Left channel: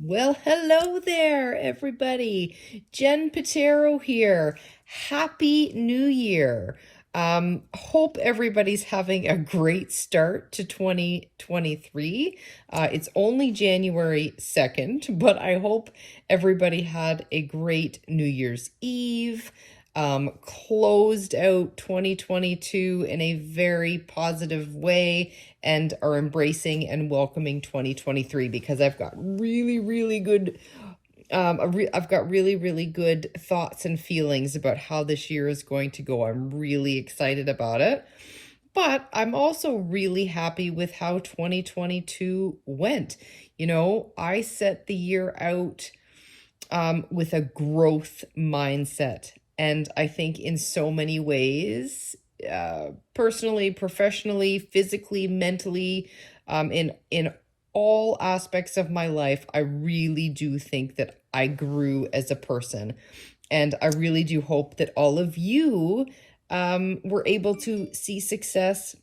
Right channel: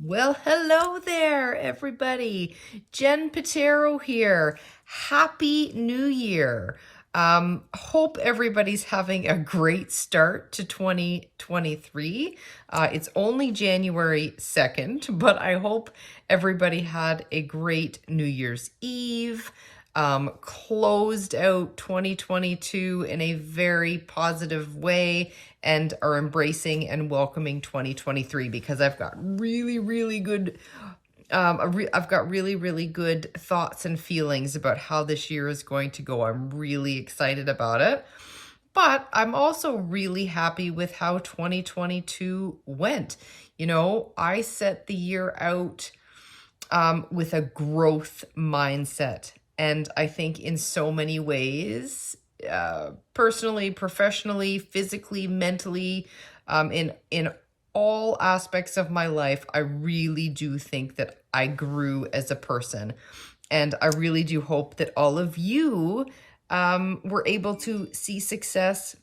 Well, hello there, everybody. Jen Patero here. Happy New Year. Hope everybody's having a great start to 2023. It's only January 2nd, but I hope everybody had a great New Year's Eve, closed out 2022 in a very positive way, and are embracing and welcoming 2023, because I've got really good I've got really good thoughts and feelings about how this year is going to go. I'm really excited about it. But I'm also really happy with how 2022 went. I set the year out with a growth mindset. And I think in so many ways, personally, professionally, physically, mentally, in all aspects of my life, I really do think that I grew as a person. And I really do hope that all of you were able to see success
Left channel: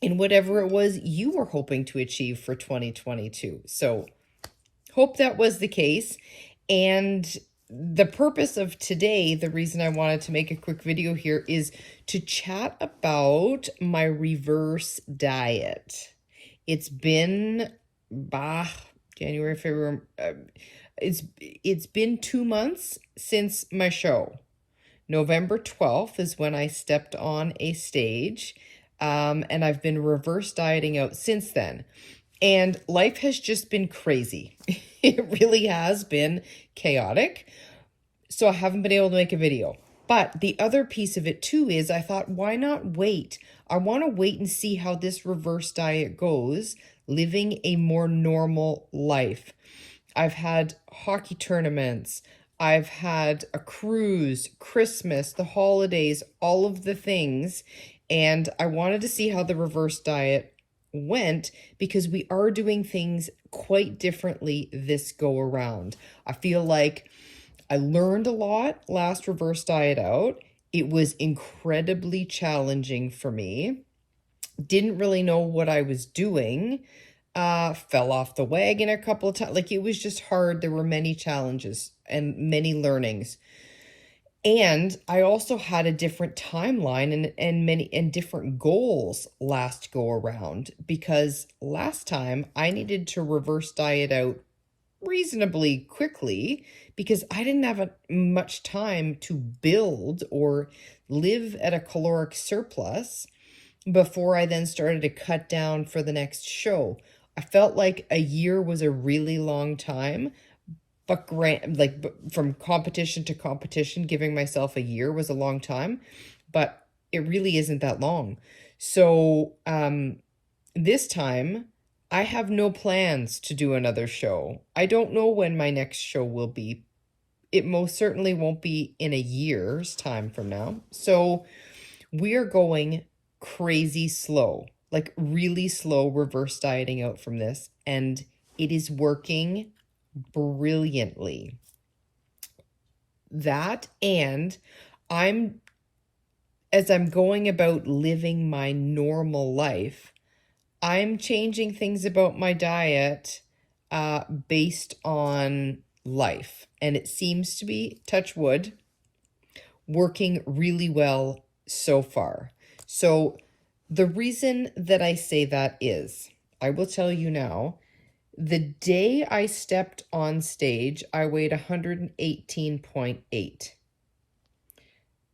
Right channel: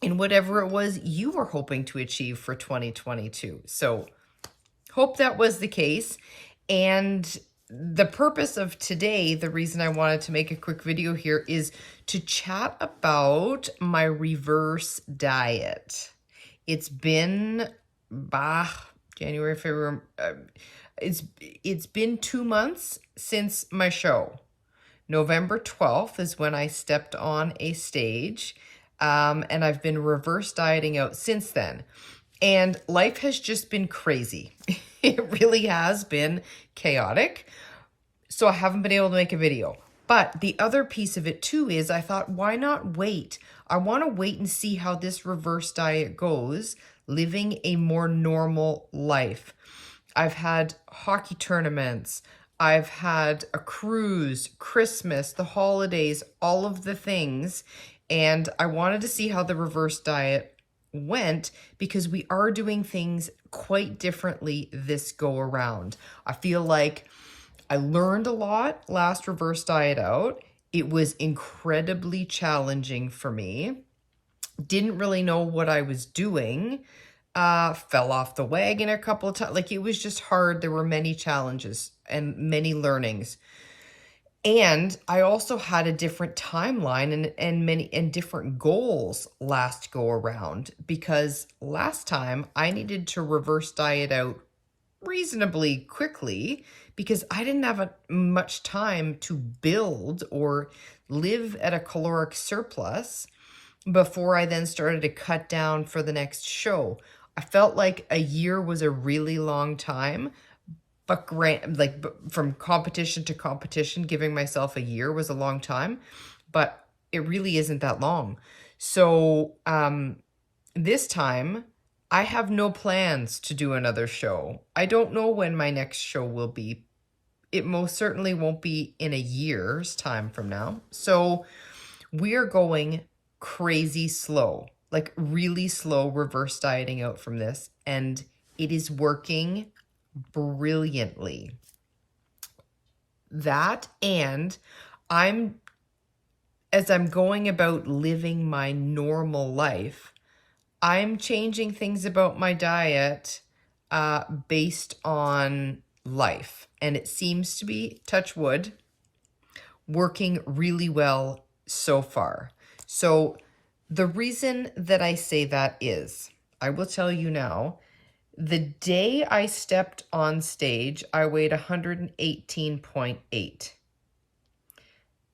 in whatever it was you were hoping to achieve for 2022. So hope that was the case. And the purpose of today, the reason I wanted to make a quick video here, is to chat about my reverse diet. It's been January, February. It's been 2 months since my show. November 12th is when I stepped on a stage, and I've been reverse dieting out since then. And life has just been crazy. It really has been chaotic. So I haven't been able to make a video. But the other piece of it too is I thought, why not wait? I want to wait and see how this reverse diet goes, living a more normal life. I've had hockey tournaments. I've had a cruise, Christmas, the holidays, all of the things. And I wanted to see how the reverse diet went, because we are doing things quite differently this go around. I feel like I learned a lot last reverse diet out. It was incredibly challenging for me. Didn't really know what I was doing. Fell off the wagon a couple of times. Like, it was just hard. There were many challenges and many learnings. And I also had a different timeline and different goals last go around, because last time I needed to reverse diet out reasonably quickly because I didn't have much time to build or live at a caloric surplus before I then started to cut down for the next show. I felt like a year was a really long time, but from competition to competition, giving myself a year was a long time, but it really isn't that long. So this time I have no plans to do another show. I don't know when my next show will be. It most certainly won't be in a year's time from now. So we are going crazy slow, like really slow reverse dieting out from this. And it is working brilliantly. That, and as I'm going about living my normal life, I'm changing things about my diet based on life. And it seems to be, touch wood, working really well so far. So the reason that I say that is, I will tell you now, the day I stepped on stage, I weighed 118.8.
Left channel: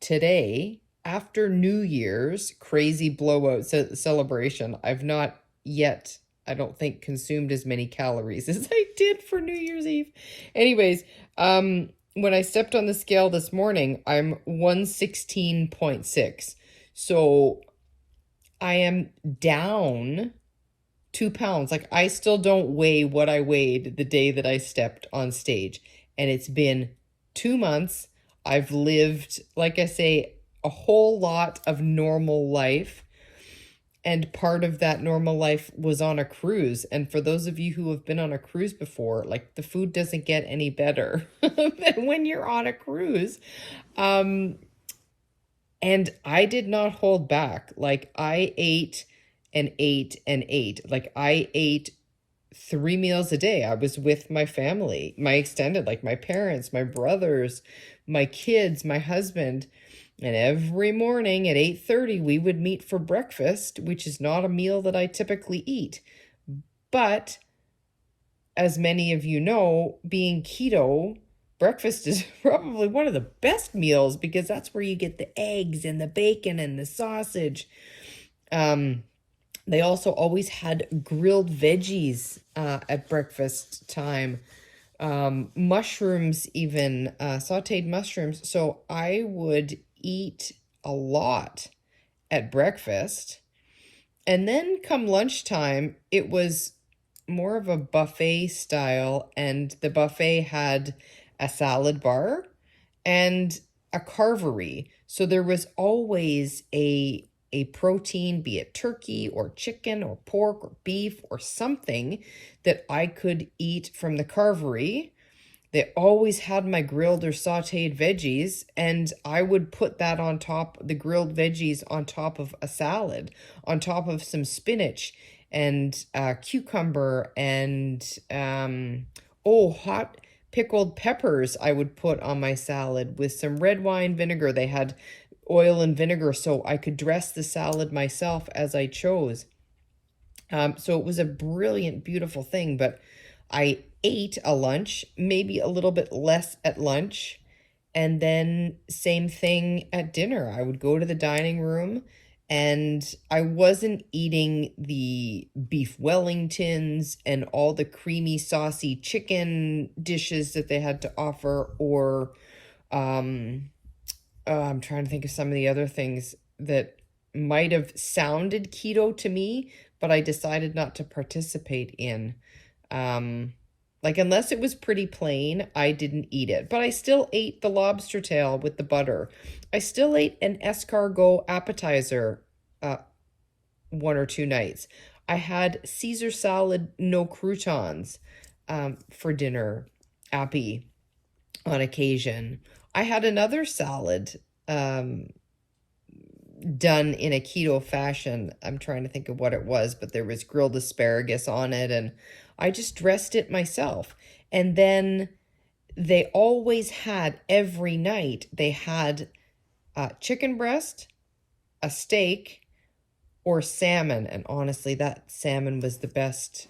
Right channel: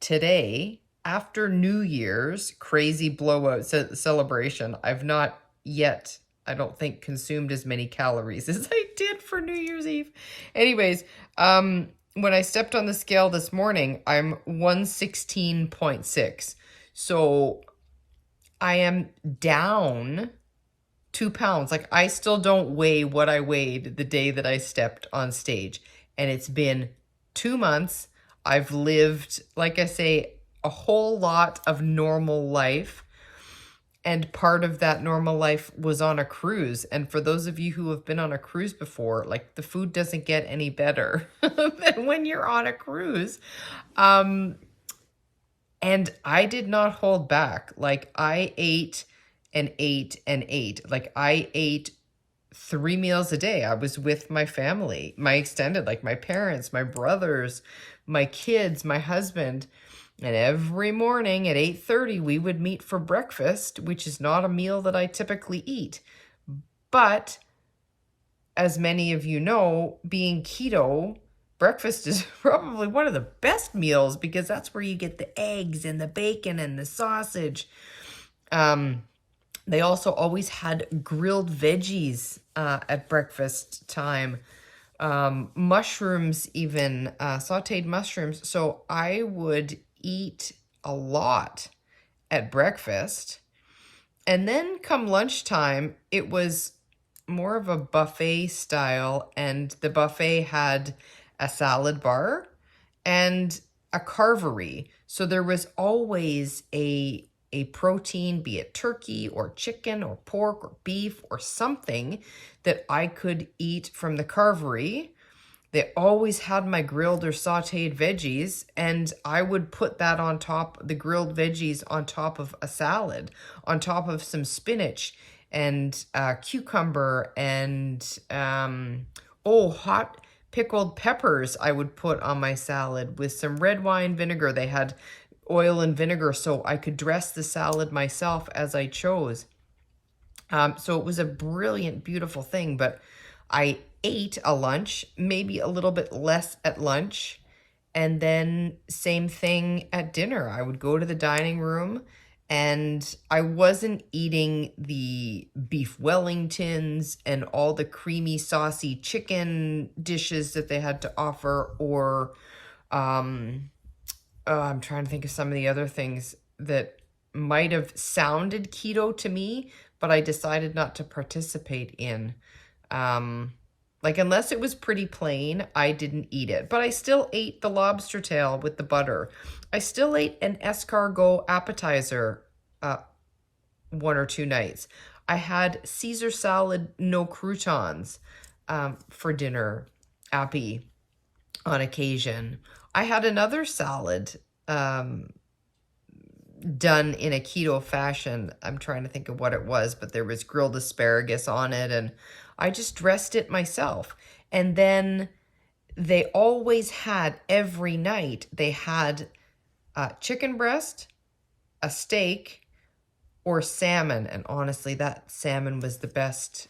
Today, after New Year's crazy blowout celebration, I've not yet, I don't think, consumed as many calories as I did for New Year's Eve. Anyways, when I stepped on the scale this morning, I'm 116.6. So I am down 2 pounds. Like, I still don't weigh what I weighed the day that I stepped on stage. And it's been 2 months. I've lived, like I say, a whole lot of normal life. And part of that normal life was on a cruise. And for those of you who have been on a cruise before, like, the food doesn't get any better than when you're on a cruise. And I did not hold back. Like, I ate and ate and ate. Like, I ate 3 meals a day. I was with my family, my extended, like my parents, my brothers, my kids, my husband. And every morning at 8:30, we would meet for breakfast, which is not a meal that I typically eat. But as many of you know, being keto, breakfast is probably one of the best meals because that's where you get the eggs and the bacon and the sausage. They also always had grilled veggies at breakfast time, mushrooms even, sauteed mushrooms. So I would eat a lot at breakfast. And then come lunchtime, it was more of a buffet style, and the buffet had a salad bar and a carvery. So there was always a protein, be it turkey or chicken or pork or beef or something that I could eat from the carvery. They always had my grilled or sauteed veggies, and I would put that on top, the grilled veggies on top of a salad, on top of some spinach and cucumber and, hot pickled peppers I would put on my salad with some red wine vinegar. They had oil and vinegar so I could dress the salad myself as I chose. So it was a brilliant, beautiful thing, but I ate a lunch, maybe a little bit less at lunch, and then same thing at dinner. I would go to the dining room and I wasn't eating the beef Wellingtons and all the creamy, saucy chicken dishes that they had to offer, or I'm trying to think of some of the other things that might have sounded keto to me, but I decided not to participate in. Like, unless it was pretty plain, I didn't eat it. But I still ate the lobster tail with the butter. I still ate an escargot appetizer 1 or 2 nights. I had Caesar salad, no croutons, for dinner, appy, on occasion. I had another salad done in a keto fashion. I'm trying to think of what it was, but there was grilled asparagus on it, and I just dressed it myself. And then they always had, every night, they had chicken breast, a steak, or salmon. And honestly, that salmon was the best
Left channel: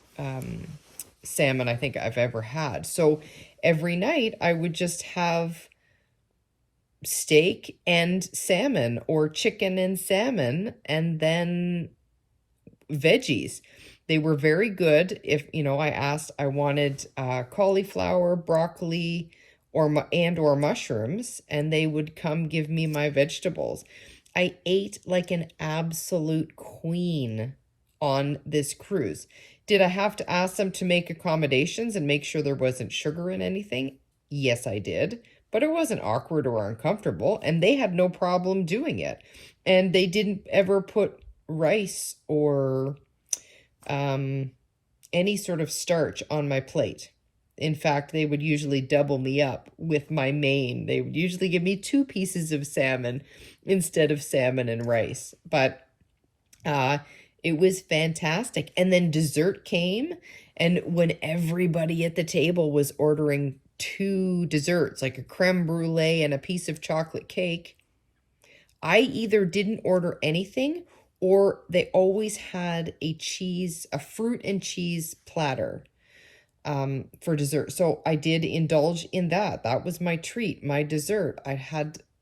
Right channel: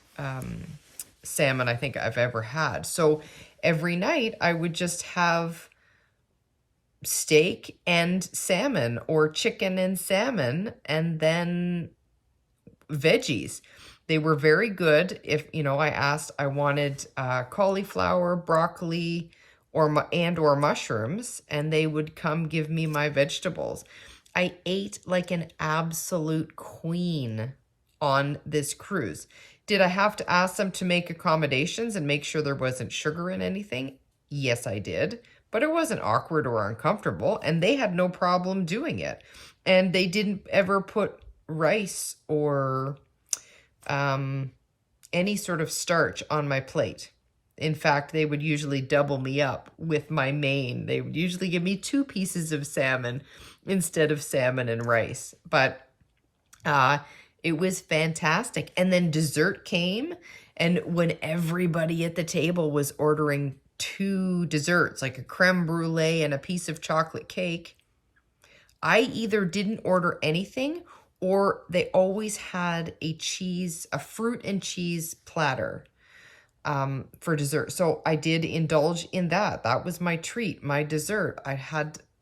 salmon I think I've ever had. So every night I would just have steak and salmon, or chicken and salmon, and then veggies. They were very good. If, I asked, I wanted cauliflower, broccoli, or mushrooms, and they would come give me my vegetables. I ate like an absolute queen on this cruise. Did I have to ask them to make accommodations and make sure there wasn't sugar in anything? Yes, I did. But it wasn't awkward or uncomfortable, and they had no problem doing it. And they didn't ever put rice or any sort of starch on my plate. In fact, they would usually double me up with my main. They would usually give me 2 pieces of salmon instead of salmon and rice. But it was fantastic. And then dessert came, and when everybody at the table was ordering 2 desserts, like a creme brulee and a piece of chocolate cake, I either didn't order anything, or they always had a fruit and cheese platter for dessert. So I did indulge in that. That was my treat, my dessert. I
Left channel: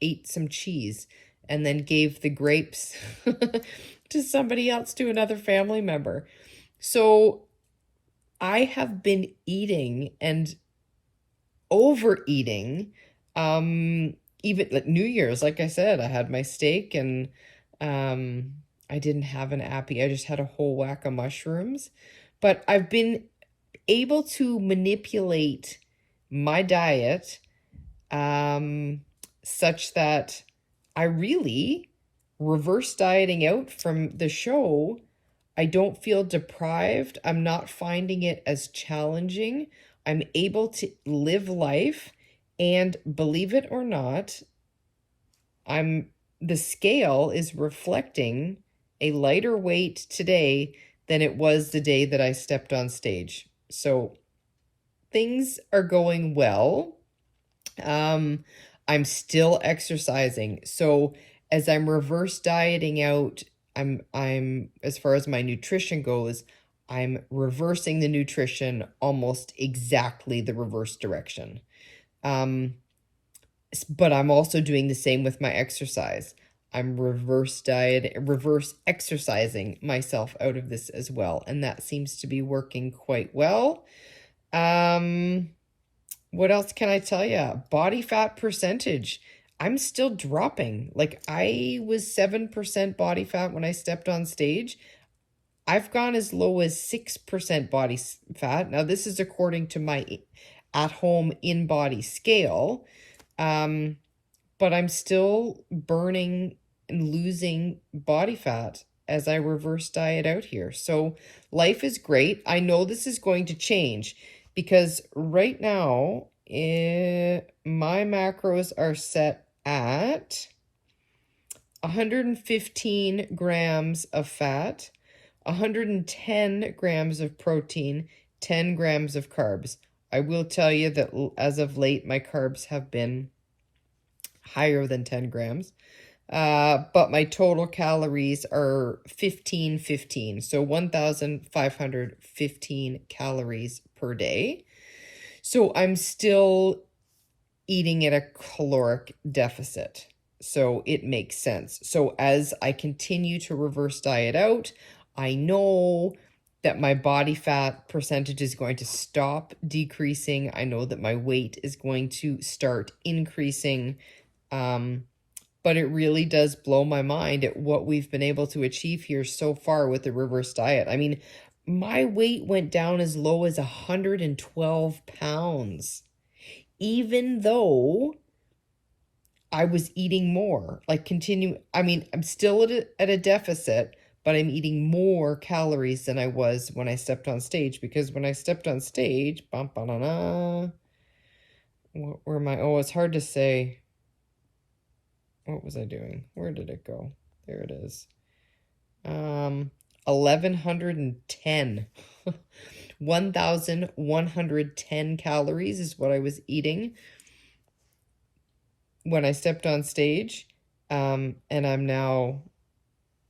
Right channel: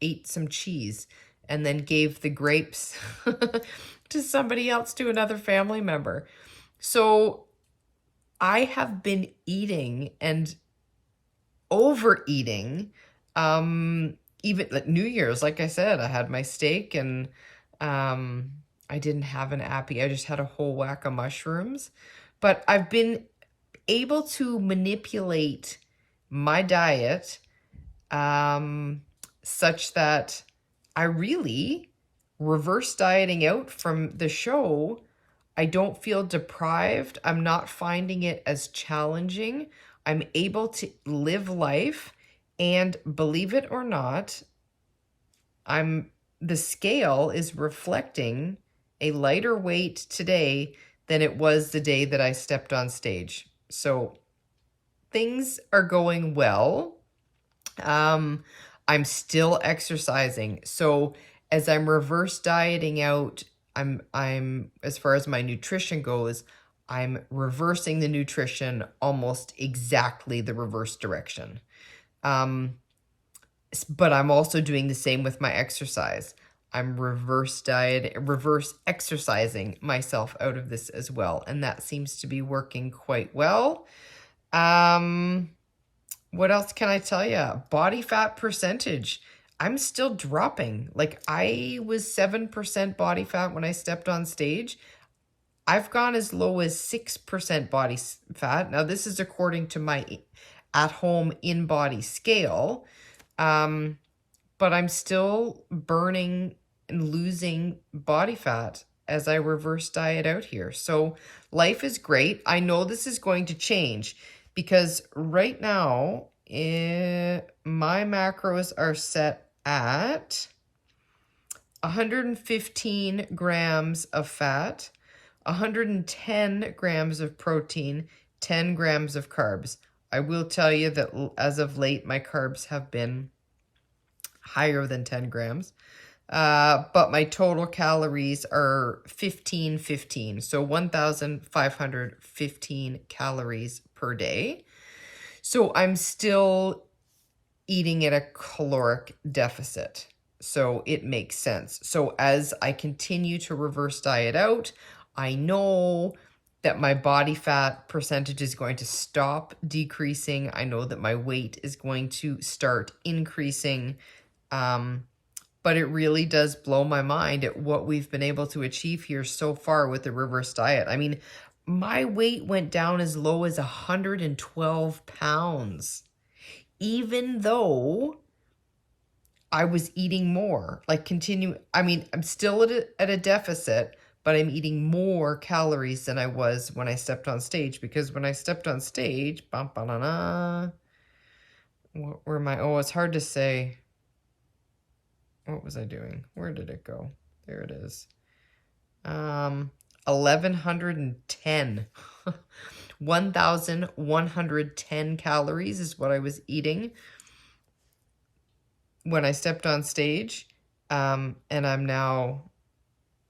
ate some cheese and then gave the grapes to somebody else, to another family member. So I have been eating and overeating, even like New Year's. Like I said, I had my steak, and I didn't have an appy. I just had a whole whack of mushrooms. But I've been able to manipulate my diet such that I really reverse dieting out from the show. I don't feel deprived. I'm not finding it as challenging. I'm able to live life, and believe it or not, the scale is reflecting a lighter weight today than it was the day that I stepped on stage. So things are going well. I'm still exercising. So as I'm reverse dieting out, I'm as far as my nutrition goes, I'm reversing the nutrition almost exactly the reverse direction. But I'm also doing the same with my exercise. I'm reverse exercising myself out of this as well. And that seems to be working quite well. What else can I tell you? Body fat percentage. I'm still dropping. Like, I was 7% body fat when I stepped on stage. I've gone as low as 6% body fat. Now, this is according to my at-home in-body scale. But I'm still burning and losing body fat as I reverse diet out here. So life is great. I know this is going to change because right now my macros are set at 115 grams of fat, 110 grams of protein, 10 grams of carbs. I will tell you that as of late, my carbs have been higher than 10 grams. But my total calories are 1515. So 1,515 calories per day. So I'm still eating at a caloric deficit. So it makes sense. So as I continue to reverse diet out, I know that my body fat percentage is going to stop decreasing. I know that my weight is going to start increasing. But it really does blow my mind at what we've been able to achieve here so far with the reverse diet. I mean, my weight went down as low as 112 pounds, even though I was eating more. I'm still at a deficit, but I'm eating more calories than I was when I stepped on stage, because when I stepped on stage, where am I? Oh, it's hard to say. What was I doing? Where did it go? There it is. 1,110. 1,110 calories is what I was eating when I stepped on stage. And I'm now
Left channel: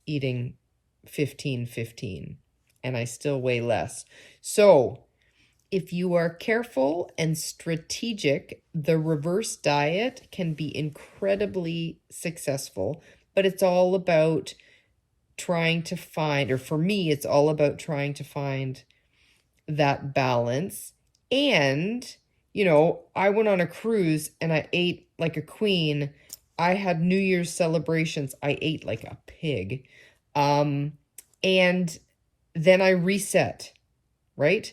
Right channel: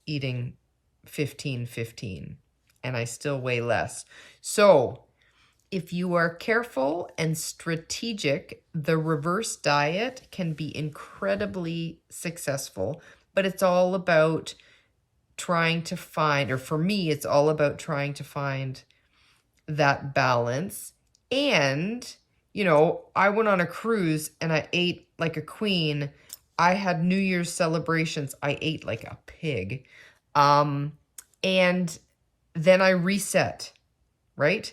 eating 1515, and I still weigh less. So if you are careful and strategic, the reverse diet can be incredibly successful, but it's all about trying to find, or for me, it's all about trying to find that balance. And, I went on a cruise and I ate like a queen. I had New Year's celebrations. I ate like a pig. And then I reset, right?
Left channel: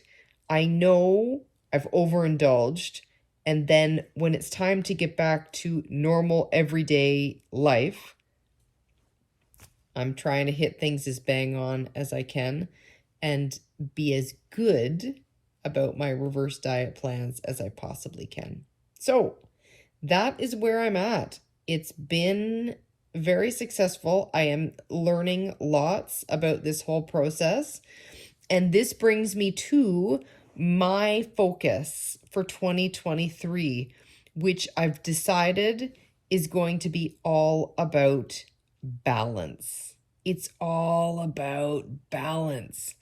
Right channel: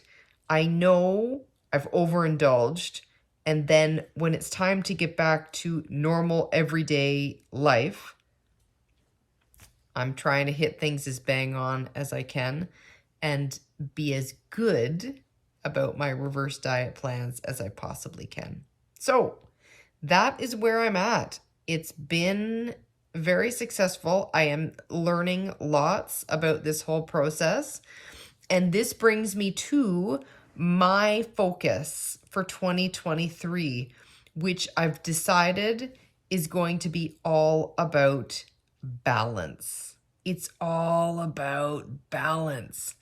I know I've overindulged, and then when it's time to get back to normal everyday life, I'm trying to hit things as bang on as I can and be as good about my reverse diet plans as I possibly can. So that is where I'm at. It's been very successful. I am learning lots about this whole process. And this brings me to my focus for 2023, which I've decided is going to be all about balance. It's all about balance.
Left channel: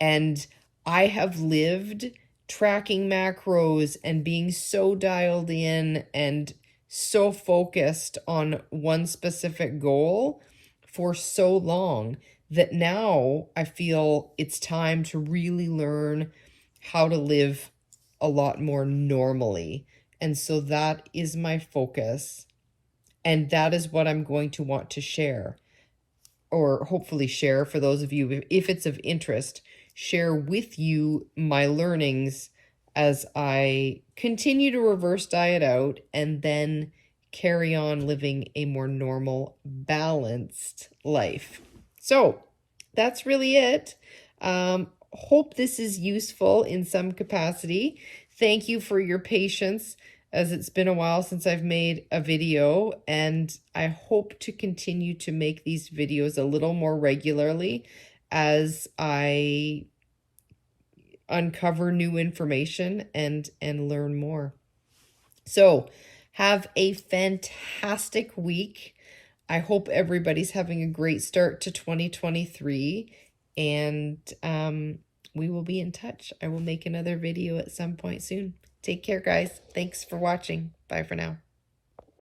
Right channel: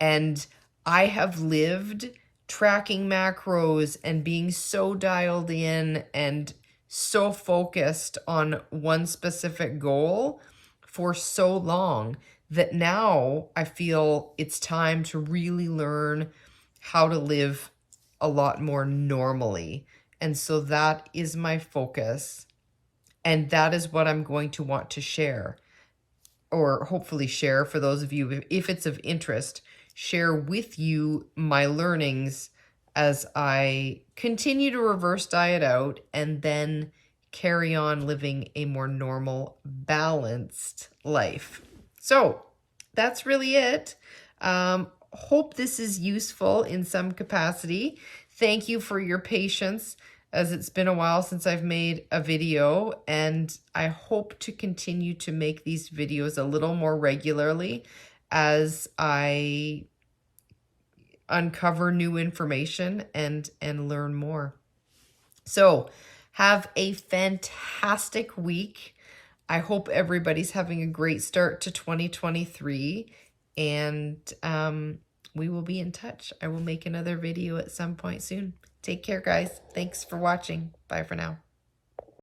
And I have lived tracking macros and being so dialed in and so focused on one specific goal for so long that now I feel it's time to really learn how to live a lot more normally. And so that is my focus. And that is what I'm going to want to share, or hopefully share for those of you, if it's of interest, share with you my learnings as I continue to reverse diet out and then carry on living a more normal, balanced life. So that's really it. Hope this is useful in some capacity. Thank you for your patience, as it's been a while since I've made a video, and I hope to continue to make these videos a little more regularly as I uncover new information and learn more. So have a fantastic week. I hope everybody's having a great start to 2023, and we will be in touch. I will make another video at some point soon. Take care, guys. Thanks for watching. Bye for now.